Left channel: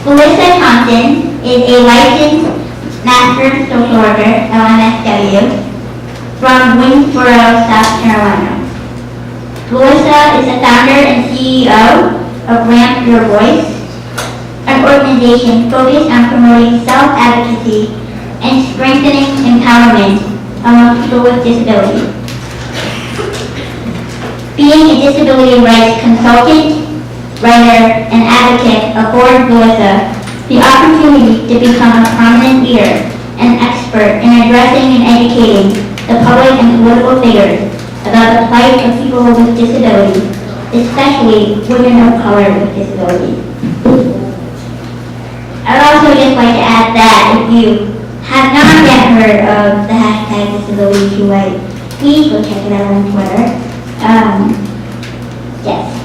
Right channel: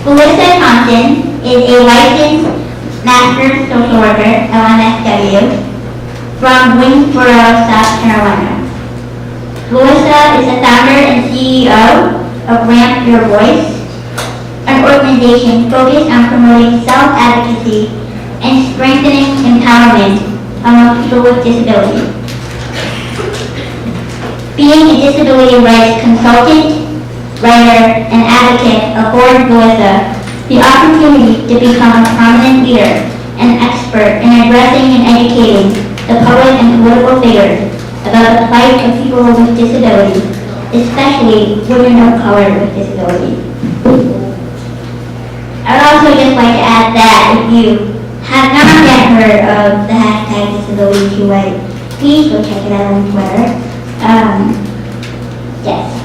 Vilissa Thompson is a licensed master social worker, LMSW, from Winsboro, South Carolina. Vilissa is the founder and CEO of Ramp Your Voice, an organization focused on promoting self-advocacy and strengthening empowerment among people with disabilities. Being a disability rights consultant, writer, and advocate affords Vilissa the opportunity to become a prominent leader and expert in addressing and educating the public and political figures about the plight of people with disabilities, especially women of color with disabilities. I would also just like to add that if you have not yet heard of the hashtag disability2white, please go check it out on Twitter. Yes.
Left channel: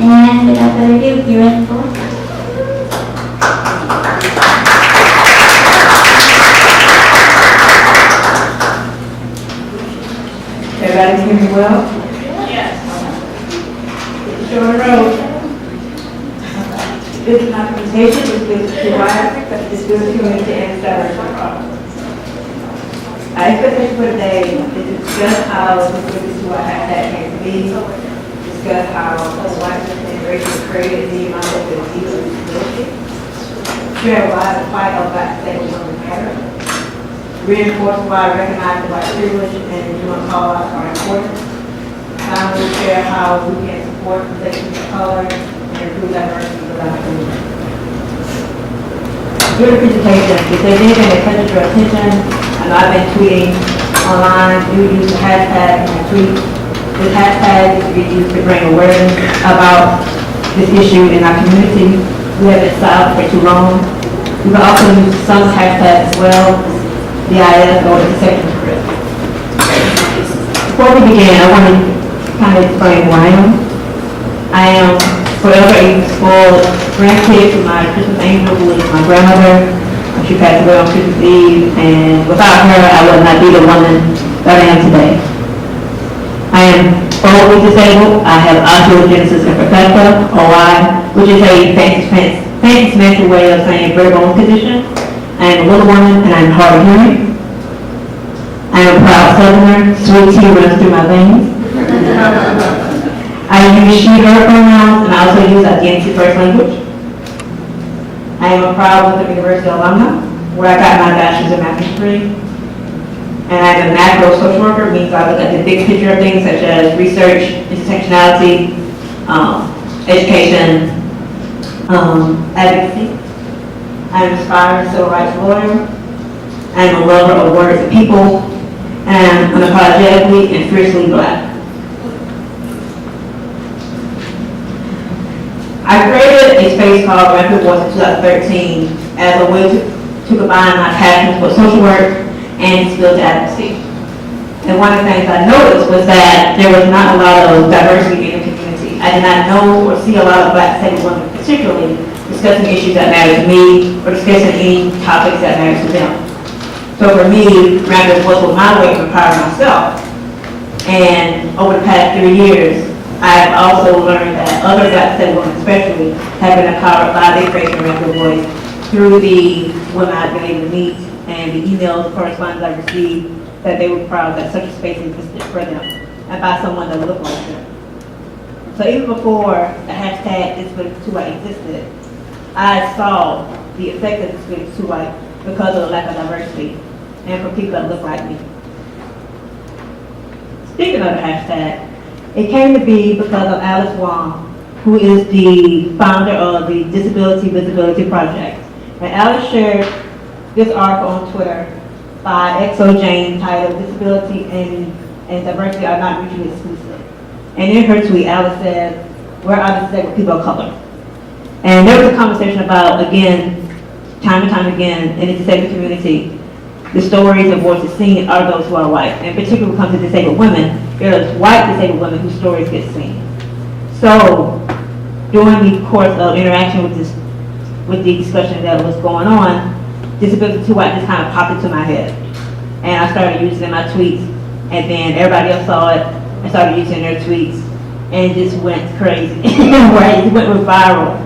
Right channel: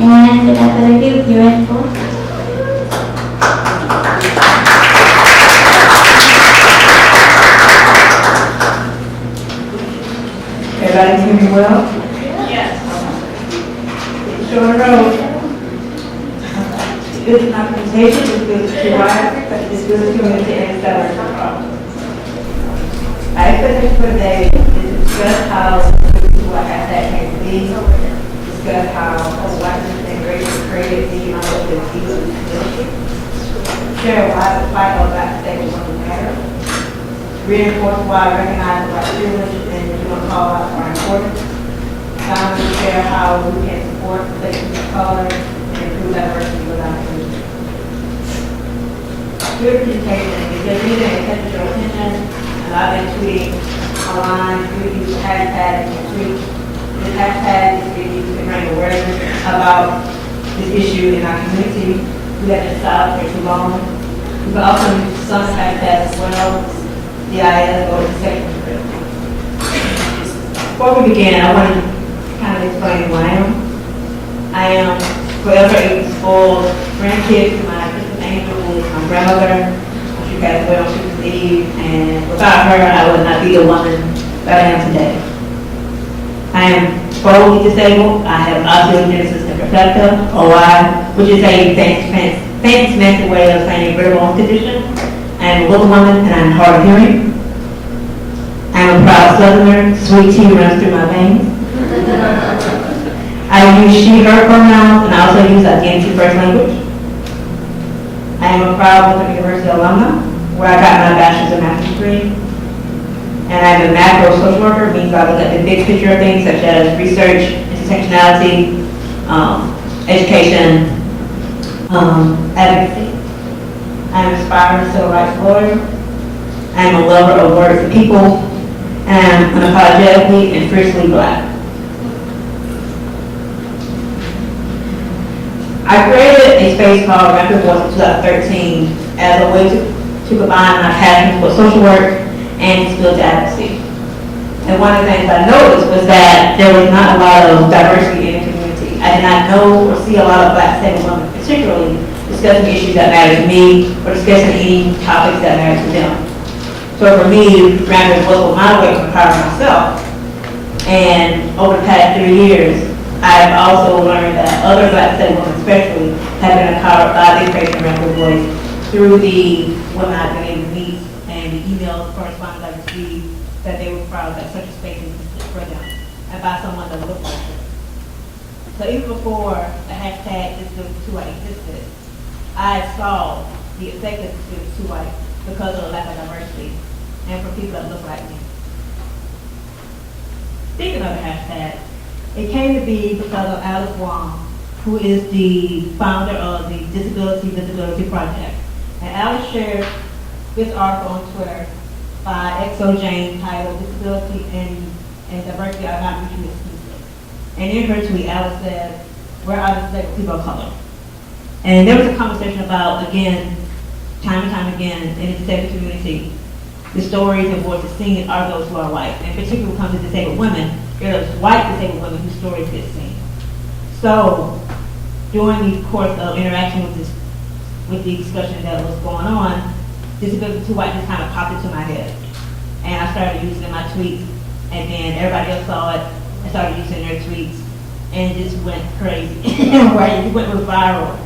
And without further ado, here is Vilissa. Everybody hear me well? Yes. It's short road. This is my presentation. This is to why this is community and diversity problems. Our expectation for today is to discuss how this white hashtag came to be, discuss how whiteness and racial created the amount of people with disability, share why the fight of black states was matter, reinforce why recognizing white privilege and human cause are important, finally share how we can support collections of color and improve diversity without community. Your presentation, if there's anything that catches your attention, I know I've been tweeting online, you use the hashtag in your tweet. This hashtag is used to bring awareness about this issue in our community. We have been silent for too long. We can also use some hashtags as well, DIS or intersection of risk. Before we begin, I want to kind of explain who I am. I am forever a spoiled grandkid to my Christmas angel, who is my grandmother. She passed away on Christmas Eve, and without her, I would not be the woman that I am today. I am fully disabled. I have osteogenesis imperfecta, OI, which is a fancy semantic way of saying bare bone condition. I am a little woman, and I am hard of hearing. I am a proud Southerner. Sweet tea runs through my veins. I use she, her pronouns, and I also use identity first language. I am a proud Western University alumna, where I got my bachelor's and master's degree. And I'm a macro social worker, means I look at the big picture of things such as research, intersectionality, education, advocacy. I'm an aspiring civil rights lawyer. I'm a lover of words and people, and I'm unapologetically and fiercely black. I created a space called Ramp Your Voice in 2013 as a way to combine my passion for social work and disability advocacy. And one of the things I noticed was that there was not a lot of diversity in the community. I did not know or see a lot of black disabled women particularly discussing issues that matter to me or discussing any topics that matter to them. So for me, Ramp Your Voice was my way to empower myself. And over the past 3 years, I've also learned that other black disabled women especially have been empowered by their faith in Ramp Your Voice through the women I've been able to meet and the emails, correspondence I've received, that they were proud that such a space existed for them and by someone that looked like them. So even before the hashtag disability2white existed, I saw the effect of disability2white because of the lack of diversity and for people that look like me. Speaking of the hashtag, it came to be because of Alice Wong, who is the founder of the Disability Visibility Project. And Alice shared this article on Twitter by XO Jane titled Disability and Diversity Are Not Mutually Exclusive. And in her tweet, Alice said, "Where are the disabled people of color?" And there was a conversation about, again, time and time again, in the disabled community, the stories and voices seen are those who are white. And particularly when it comes to disabled women, there's white disabled women whose stories get seen. So during the course of interaction with the discussion that was going on, Disability2white just kind of popped into my head. And I started using it in my tweets, and then everybody else saw it and started using their tweets, and it just went crazy, right? It went viral.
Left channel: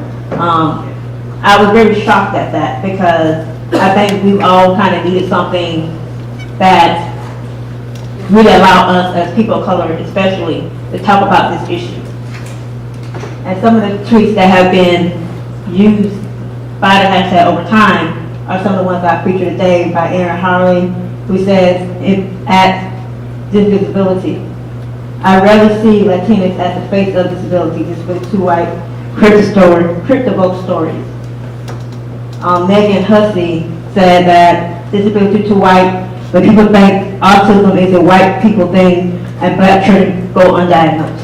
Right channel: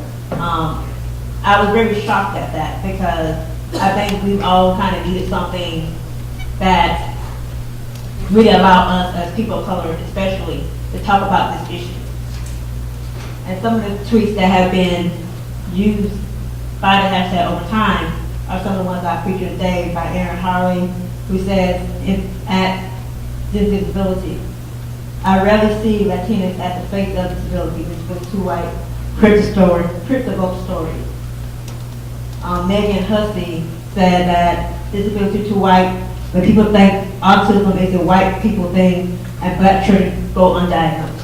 I was very shocked at that because I think we've all kind of needed something that really allow us as people of color especially to talk about this issue. And some of the tweets that have been used by the hashtag over time are some of the ones I featured today by Aaron Harley, who says, at disability, I rarely see Latinas at the face of disability. This was two white crypto stories. Megan Hussey said that disability too white, but people think autism is a white people thing and black children go undiagnosed.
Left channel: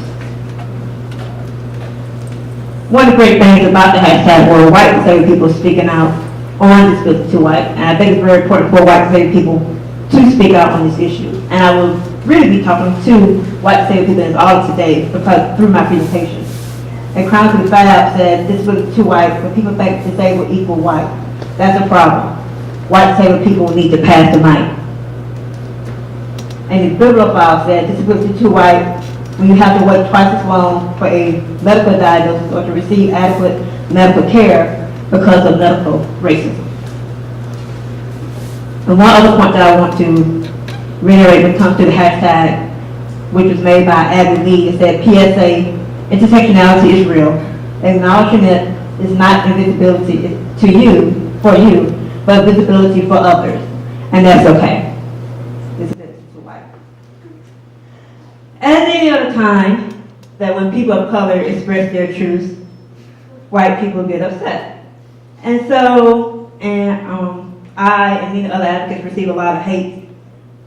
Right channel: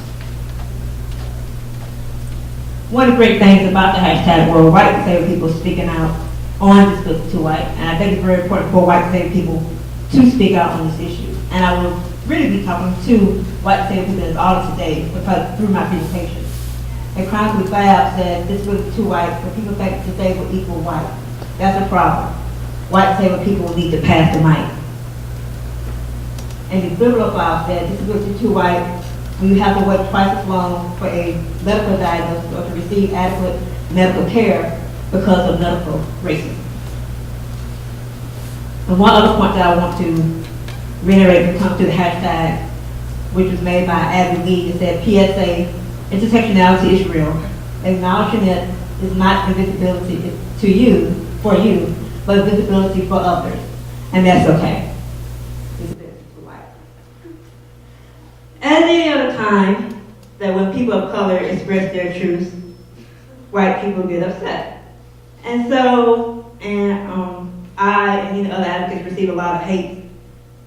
One of the great things about the hashtag were white disabled people speaking out on disability too white, and I think it's very important for white disabled people to speak out on this issue. And I will really be talking to white disabled people in this audit today because through my presentation. And Chronically Fab said disability too white, when people think disabled equal white. That's a problem. White disabled people need to pass the mic. And the Bibliophile said disability too white when you have to wait twice as long for a medical diagnosis or to receive adequate medical care because of medical racism. And one other point that I want to reiterate when it comes to the hashtag, which was made by Abby Lee, it said PSA, intersectionality is real. Acknowledging it is not invisibility to you, for you, but visibility for others. And that's okay. Visibility for white. At any other time that when people of color express their truths, white people get upset. And so, I and many other advocates receive a lot of hate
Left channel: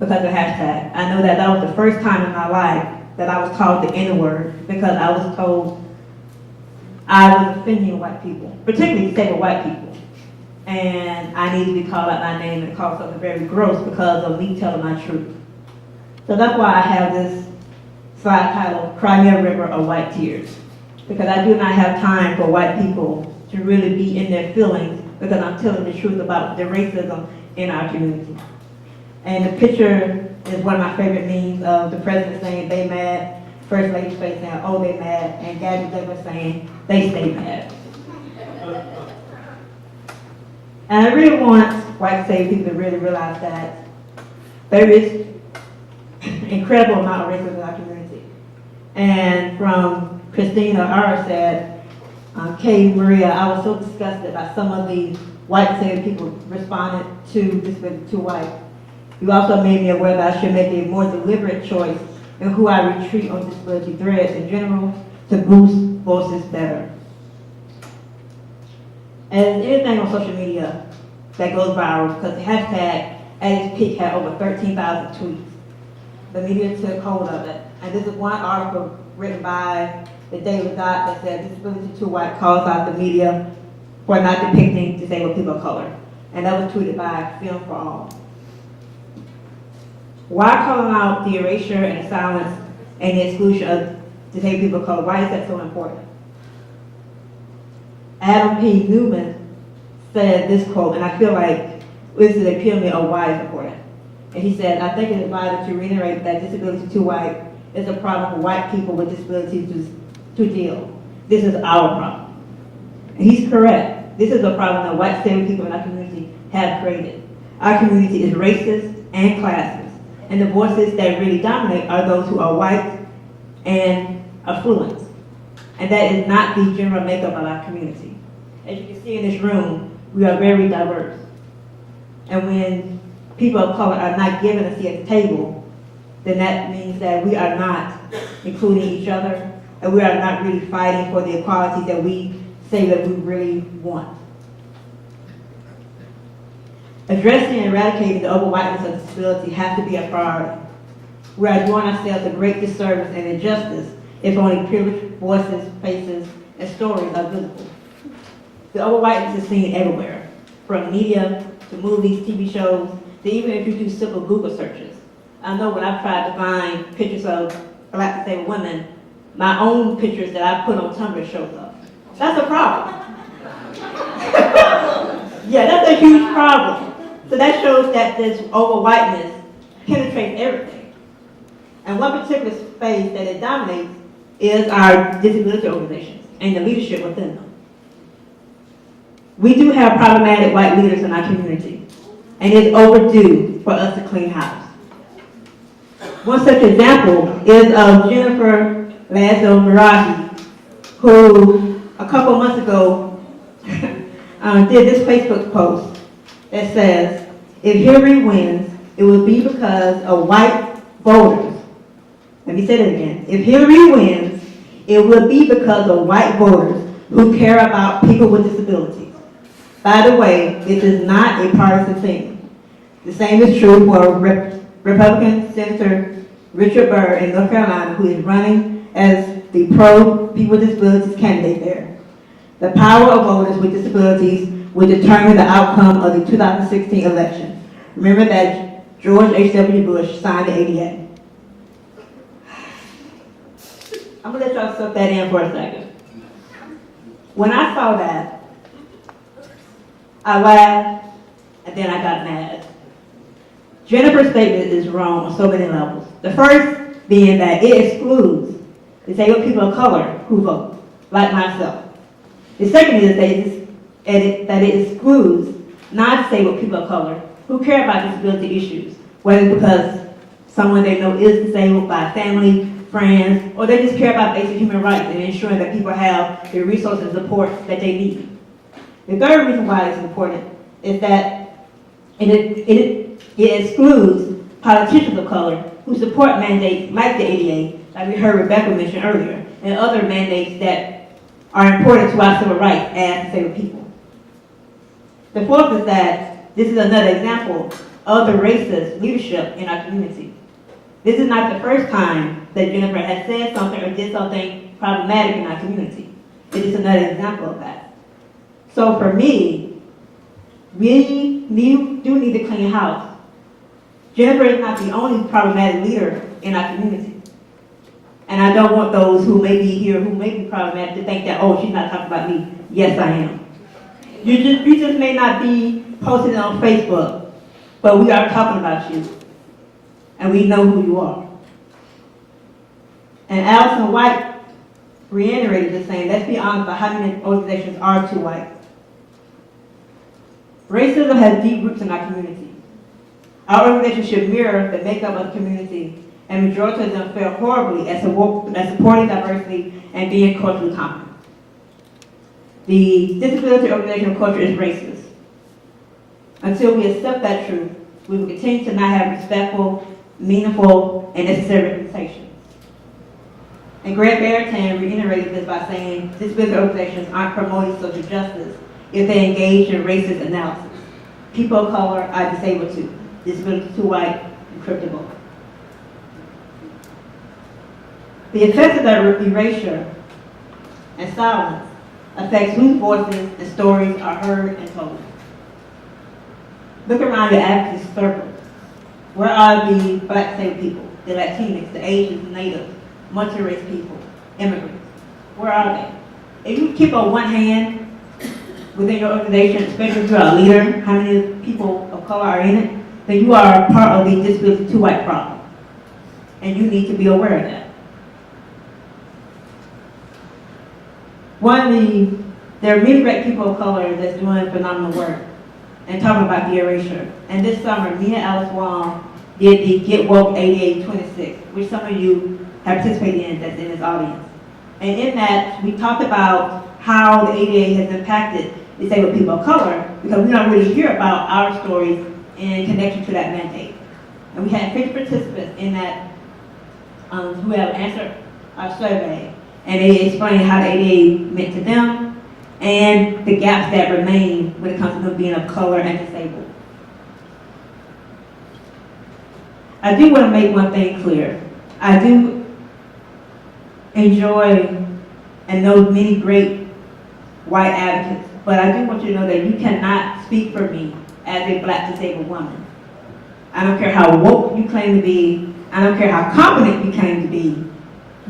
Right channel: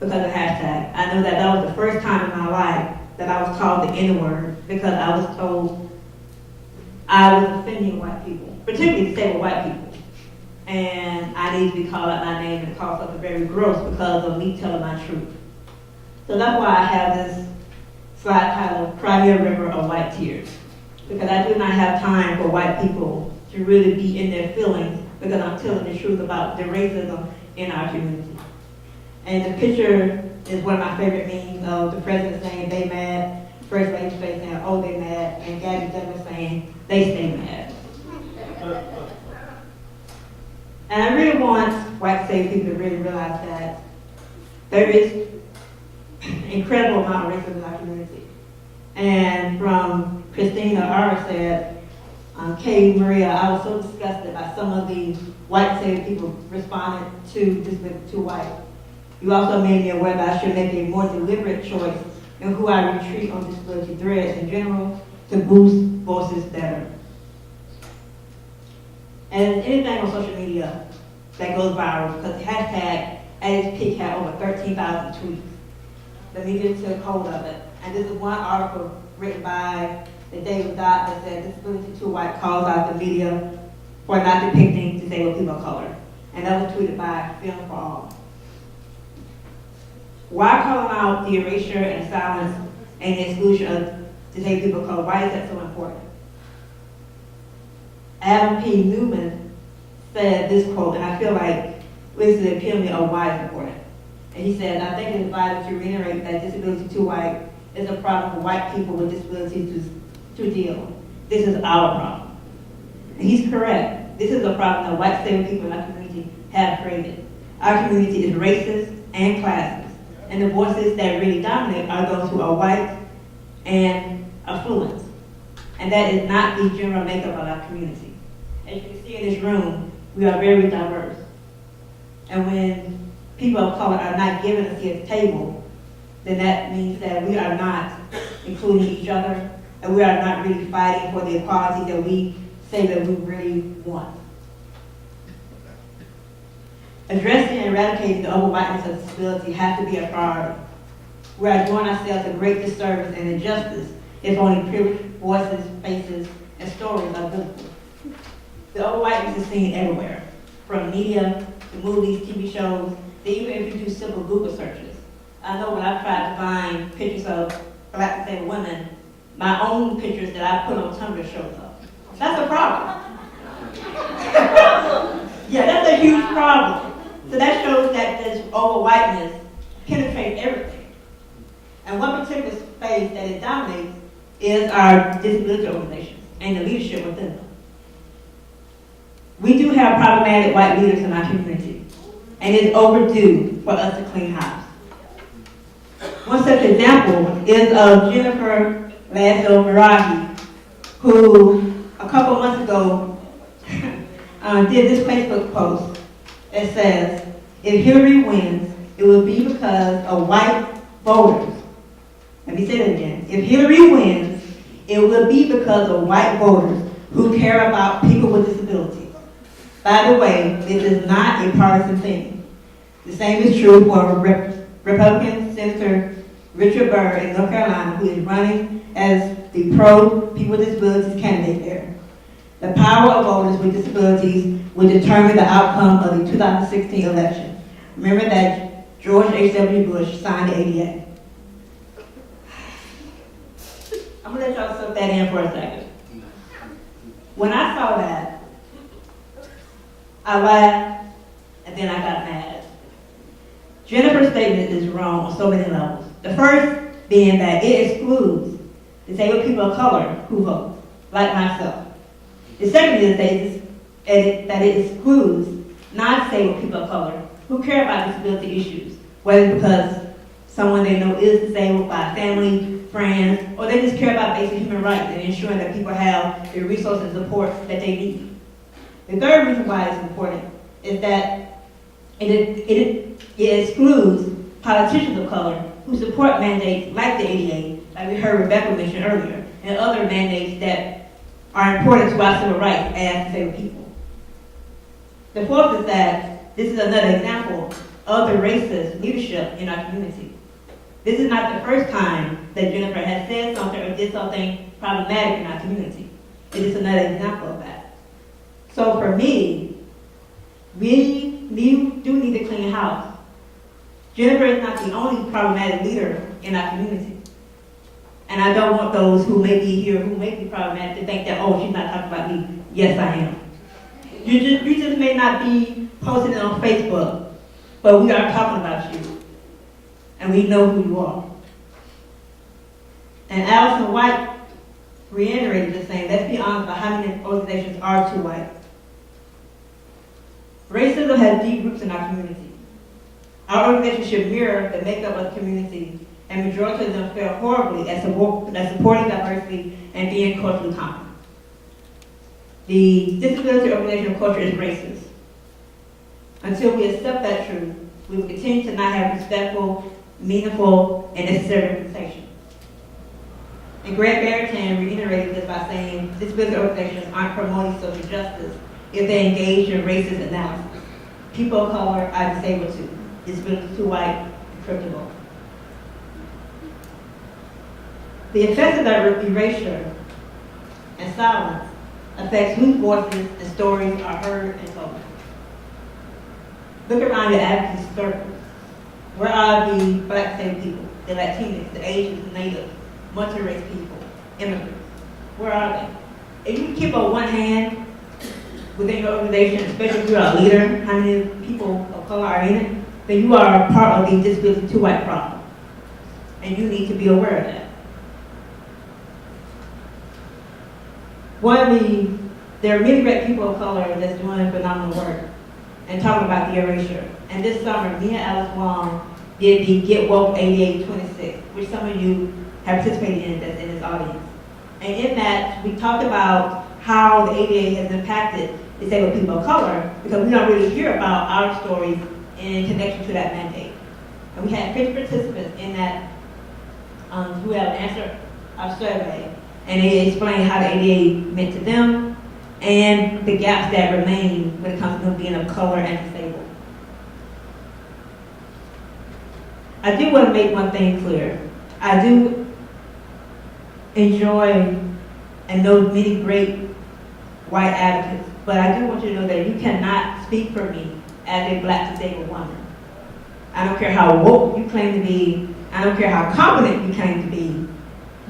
because of hashtag. I know that that was the first time in my life that I was called the N-word because I was told I was offending white people, particularly disabled white people. And I need to be called out my name and called something very gross because of me telling my truth. So that's why I have this slide titled, Cry Me a River of White Tears. Because I do not have time for white people to really be in their feelings because I'm telling the truth about the racism in our community. And the picture is one of my favorite memes of the president saying, they mad, First Lady's face saying, oh, they mad, and Gabby Douglas saying, they stay mad. And I really want white disabled people to really realize that there is an incredible amount of racism in our community. And from Christina R said, Kay Maria, I was so disgusted by some of the white disabled people responded to disability too white. You also made me aware that I should make a more deliberate choice in who I retreat on disability threads in general to boost voices better. And anything on social media that goes viral, because the hashtag at its peak had over 13,000 tweets. The media took hold of it. And this is one article written by the Daily Dot that said disability too white calls out the media for not depicting disabled people of color. And that was tweeted by Film for All. Why calling out the erasure and silence and the exclusion of disabled people of color? Why is that so important? Adam P. Newman said this quote, and I feel like this is the epitome of why it's important. And he said, I think it is vital to reiterate that disability too white is a problem for white people with disabilities to deal. This is our problem. And he's correct. This is a problem that white disabled people in our community have created. Our community is racist and classist. And the voices that really dominate are those who are white and affluent. And that is not the general makeup of our community. As you can see in this room, we are very diverse. And when people of color are not given a seat at the table, then that means that we are not including each other, and we are not really fighting for the equality that we say that we really want. Addressing and eradicating the over-whiteness of disability has to be a priority. We are doing ourselves a great disservice and injustice if only privileged voices, faces, and stories are visible. The over-whiteness is seen everywhere, from media to movies, TV shows, to even if you do simple Google searches. I know when I've tried to find pictures of black disabled women, my own pictures that I put on Tumblr shows up. That's a problem. Yeah, that's a huge problem. So that shows that this over-whiteness penetrates everything. And one particular space that it dominates is our disability organizations and the leadership within them. We do have problematic white leaders in our community, and it's overdue for us to clean house. One such example is Jennifer Lazo-Merahi, who a couple months ago did this Facebook post that says, if Hillary wins, it will be because of white voters. Let me say that again. If Hillary wins, it will be because of white voters who care about people with disabilities. By the way, this is not a partisan thing. The same is true for Republican Senator Richard Burr in North Carolina, who is running as the pro-people with disabilities candidate there. The power of voters with disabilities will determine the outcome of the 2016 election. Remember that George H.W. Bush signed the ADA. I'm gonna let y'all soak that in for a second. When I saw that, I laughed, and then I got mad. Jennifer's statement is wrong on so many levels. The first being that it excludes disabled people of color who vote, like myself. The second is that it excludes non-disabled people of color who care about disability issues, whether because someone they know is disabled by family, friends, or they just care about basic human rights and ensuring that people have the resources and support that they need. The third reason why it's important is that it excludes politicians of color who support mandates like the ADA, like we heard Rebecca mention earlier, and other mandates that are important to our civil rights as disabled people. The fourth is that this is another example of the racist leadership in our community. This is not the first time that Jennifer has said something or did something problematic in our community. It is another example of that. So for me, we do need to clean house. Jennifer is not the only problematic leader in our community. And I don't want those who may be here, who may be problematic, to think that, oh, she's not talking about me. Yes, I am. You just may not be posting it on Facebook, but we are talking about you. And we know who you are. And Allison White reiterated the same. Let's be honest about how many organizations are too white. Racism has deep roots in our community. Our organization should mirror the makeup of the community, and majority of them fare horribly at supporting diversity and being culturally common. The disability organizational culture is racist. Until we accept that truth, we will continue to not have respectful, meaningful, and necessary representation. And Greg Barrington reiterated this by saying disability organizations aren't promoting social justice if they engage in racist analysis. People of color are disabled too. Disability too white, encryptable. The effects of that erasure and silence affects whose voices and stories are heard and told. Look around your advocacy circles. Where are the Black disabled people, the Latinx, the Asians, Natives, multi-race people, immigrants? Where are they? If you keep on one hand within your organization, especially if you're a leader, how many people of color are in it, then you are part of the disability too white problem. And you need to be aware of that. There are many great people of color that's doing phenomenal work and talking about the erasure. And this summer, me and Alice Wong did the Get Woke 8826, which some of you have participated in that's in this audience. And in that, we talked about how the ADA has impacted disabled people of color because we don't really hear about our stories in connection to that mandate. And we had 50 participants in that who have answered our survey. And they explained how the ADA meant to them and the gaps that remain when it comes to them being of color and disabled. I do want to make one thing clear. I do enjoy and know many great white advocates, but I do want you to know that you cannot speak for me as a Black disabled woman. I don't care how woke you claim to be. I don't care how competent you claim to be.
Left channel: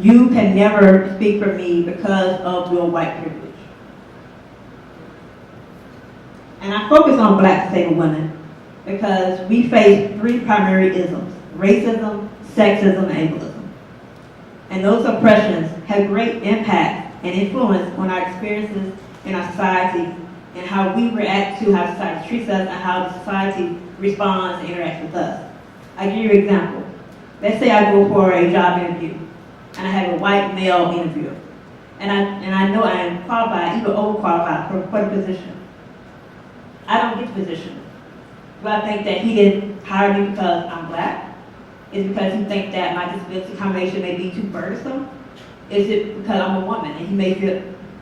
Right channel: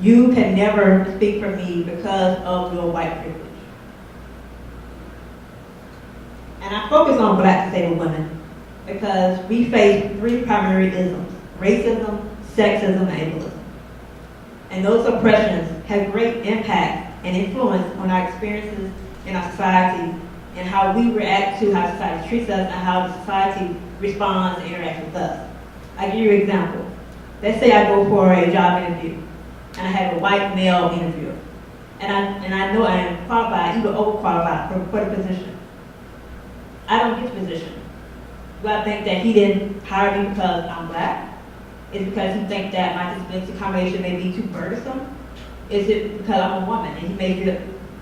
You can never speak for me because of your white privilege. And I focus on Black disabled women because we face three primary isms: racism, sexism, and ableism. And those oppressions have great impact and influence on our experiences in our society and and how we react to how society treats us and how the society responds and interacts with us. I'll give you an example. Let's say I go for a job interview, and I have a white male interviewer, and I know I am qualified, even overqualified for the position. I don't get the position. Do I think that he didn't hire me because I'm black? Is it because he thinks that my disability accommodation may be too burdensome? Is it because I'm a woman and he may feel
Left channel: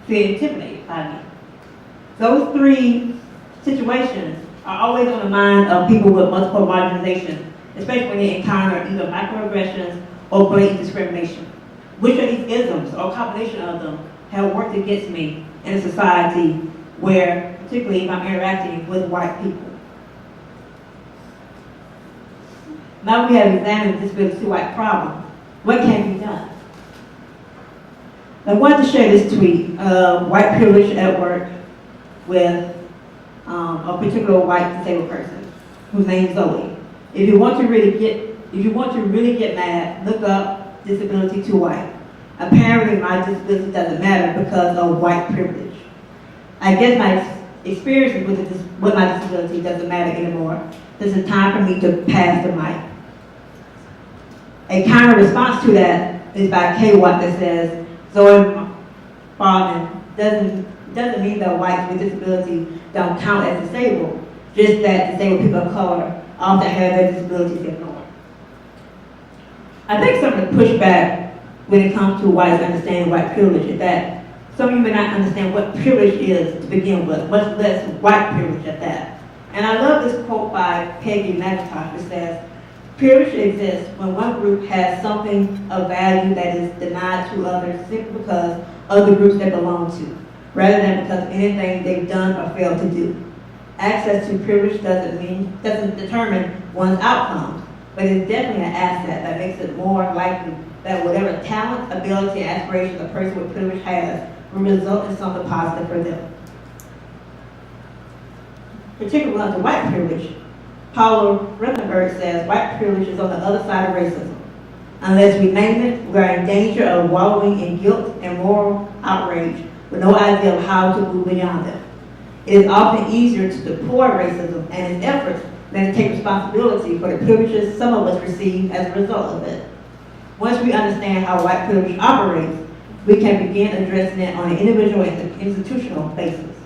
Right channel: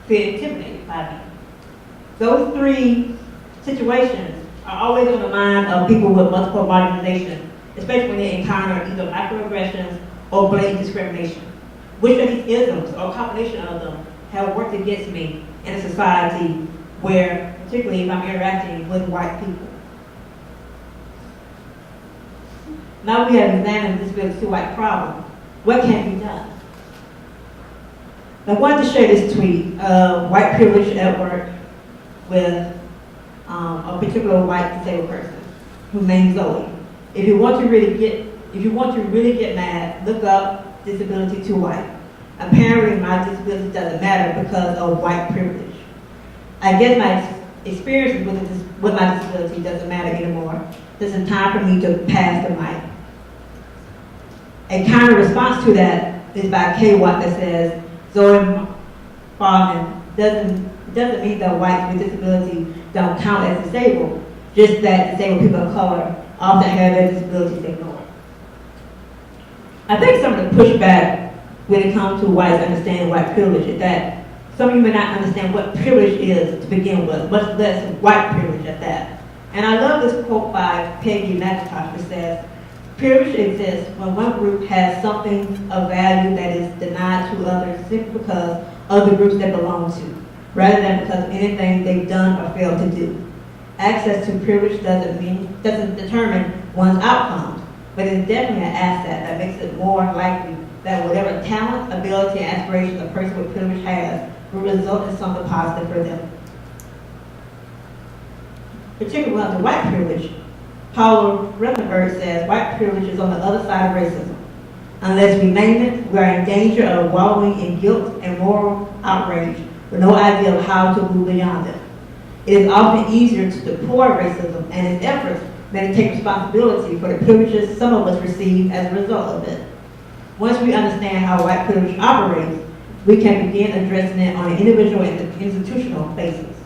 intimidated by me? Those three situations are always on the mind of people with multiple marginalization, especially when they encounter either microaggressions or blatant discrimination. Which of these isms or combination of them have worked against me in a society where, particularly if I'm interacting with white people? Now we have examined this disability white problem. What can be done? I wanted to share this tweet of white privilege at work with a particular white disabled person whose name is Zoe. If you want to really get mad, look up disability too white. Apparently my disability doesn't matter because of white privilege. I guess my experiences with my disability doesn't matter anymore. This is time for me to pass the mic. A counter response to that is by K. Watt that says, Zoe Farman doesn't mean that whites with disability don't count as disabled, just that disabled people of color often have their disabilities ignored. I think some of the pushback when it comes to whites understanding white privilege is that some of you may not understand what privilege is to begin with, much less white privilege at that. And I love this quote by Peggy McIntosh, which says, privilege exists when one group has something of value that is denied to others simply because of the groups they belong to, rather than because of anything they've done or failed to do. Access to privilege doesn't determine one's outcomes, but it's definitely an asset that makes it more likely that whatever talent, ability, and aspirations a person with privilege has will result in something positive for them. Particularly under white privilege, Paula Rutherford says white privilege is on the other side of racism. Unless we name it, we are in danger of wallowing in guilt and moral outrage with no idea of how to move beyond it. It is often easier to deploy racism and its efforts than to take responsibility for the privileges some of us receive as a result of it. Once we understand how white privilege operates, we can begin addressing it on an individual and institutional basis.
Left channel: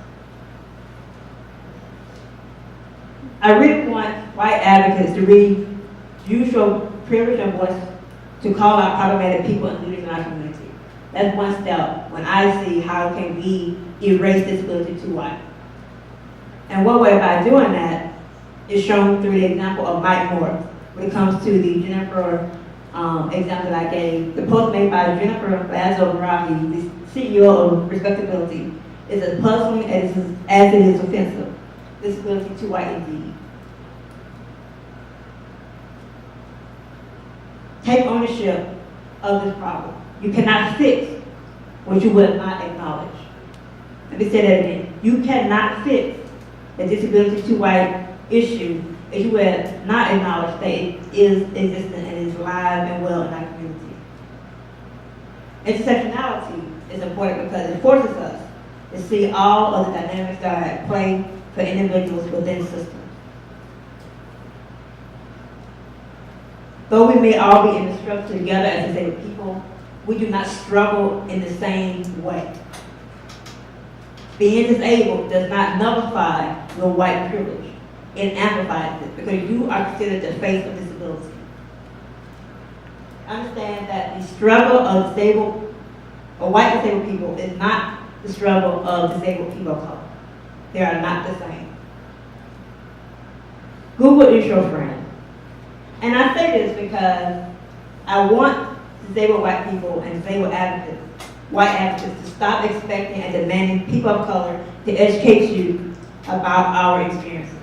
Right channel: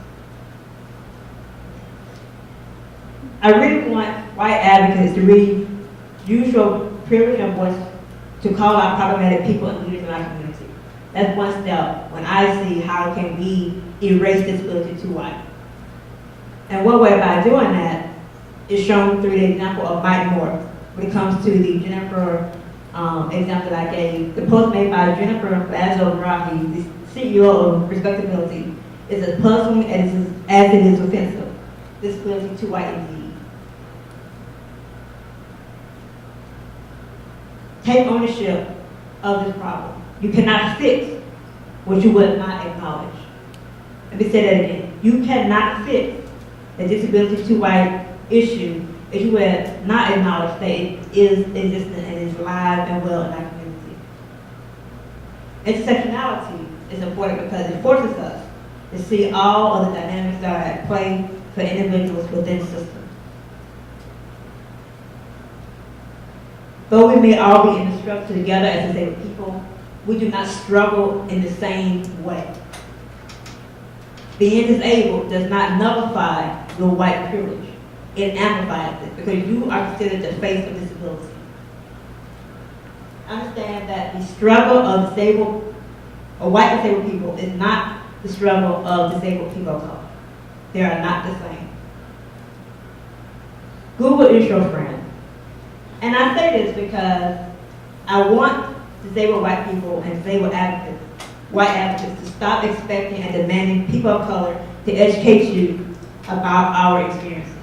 I really want white advocates to really use your privilege and voice to call out problematic people and leaders in our community. That's one step when I see how can we erase disability too white. And one way by doing that is shown through the example of Mike Moore when it comes to the Jennifer example that I gave. The post made by Jennifer Lazo-Rahi, the CEO of Respectability, is as puzzling as it is offensive. Disability too white indeed. Take ownership of this problem. You cannot fix what you will not acknowledge. Let me say that again. You cannot fix the disability too white issue if you will not acknowledge that it is existent and is alive and well in our community. Intersectionality is important because it forces us to see all of the dynamics that are at play for individuals within the system. Though we may all be in the struggle together as disabled people, we do not struggle in the same way. Being disabled does not nullify your white privilege. It amplifies it because you are considered the face of disability. Understand that the struggle of disabled or white disabled people is not the struggle of disabled people of color. They are not the same. Google is your friend. And I say this because I want disabled white people and disabled advocates, white advocates, to stop expecting and demanding people of color to educate you about our experiences.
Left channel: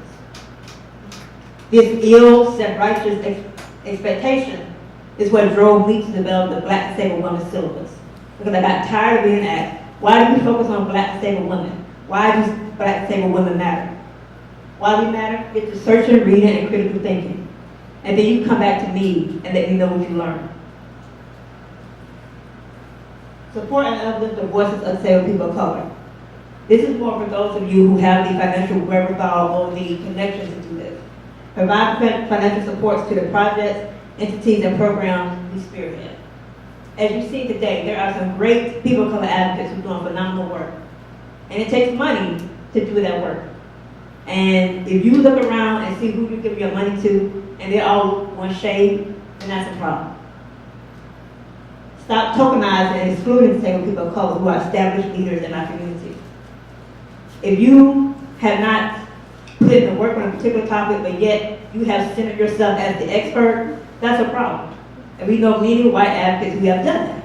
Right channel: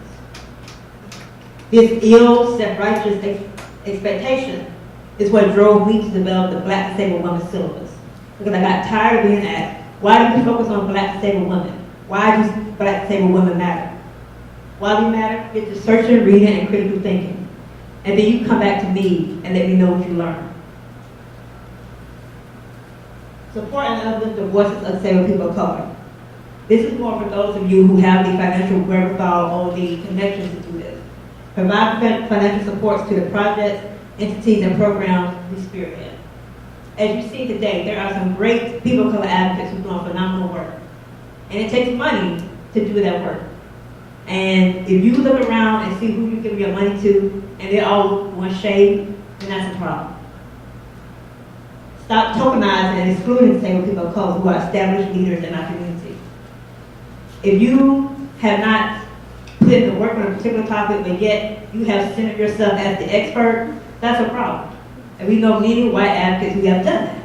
This ill, self-righteous expectation is what drove me to develop the Black Disabled Women syllabus. Because I got tired of being asked, why do we focus on Black disabled women? Why do Black disabled women matter? Why we matter? Get to searching, reading, and critical thinking. And then you come back to me and let me know what you learned. Support and uplift the voices of disabled people of color. This is more for those of you who have the financial wherewithal or the connections to do this. Provide financial supports to the projects, entities, and programs we spearhead. As you see today, there are some great people of color advocates who are doing phenomenal work. And it takes money to do that work. And if you look around and see who you're giving your money to, and they're all one shade, then that's a problem. Stop tokenizing and excluding disabled people of color who are established leaders in our community. If you have not put in the work on a particular topic, but yet you have centered yourself as the expert, that's a problem. And we know many white advocates who have done that.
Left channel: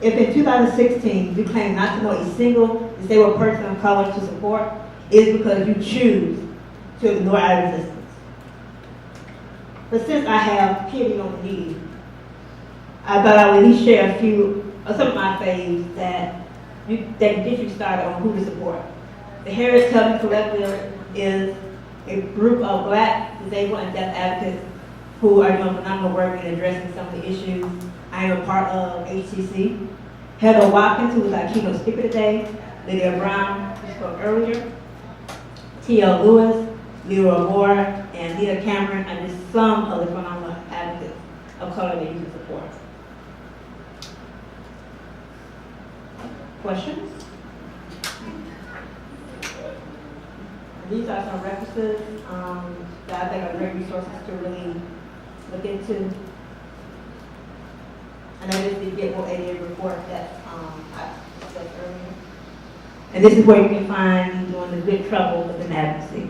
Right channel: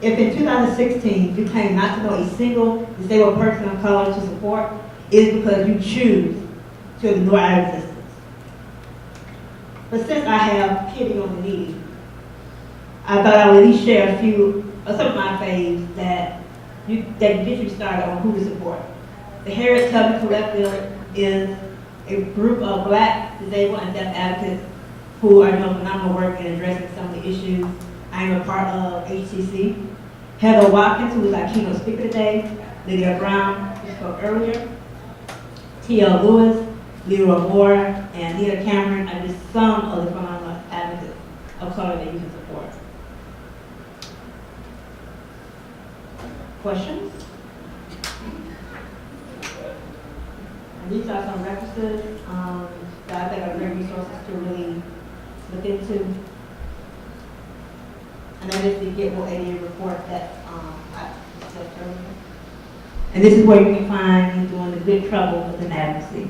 If in 2016 you claim not to know a single disabled person of color to support, it is because you choose to ignore our existence. But since I have pity on the needy, I thought I would at least share a few of some of my faves that get you started on who to support. The Harriet Tubman Collective is a group of Black, disabled, and deaf advocates who are doing phenomenal work in addressing some of the issues. I am a part of HCC. Heather Watkins, who was our keynote speaker today, Lydia Brown, who spoke earlier, T.L. Lewis, Leroy Moore, and Nina Cameron are just some of the phenomenal advocates of color that you can support. Questions? And these are some references that I think are great resources to really look into. And that is the Get Well 88 report that I said earlier. And this is where you can find me doing the good trouble with an advocacy.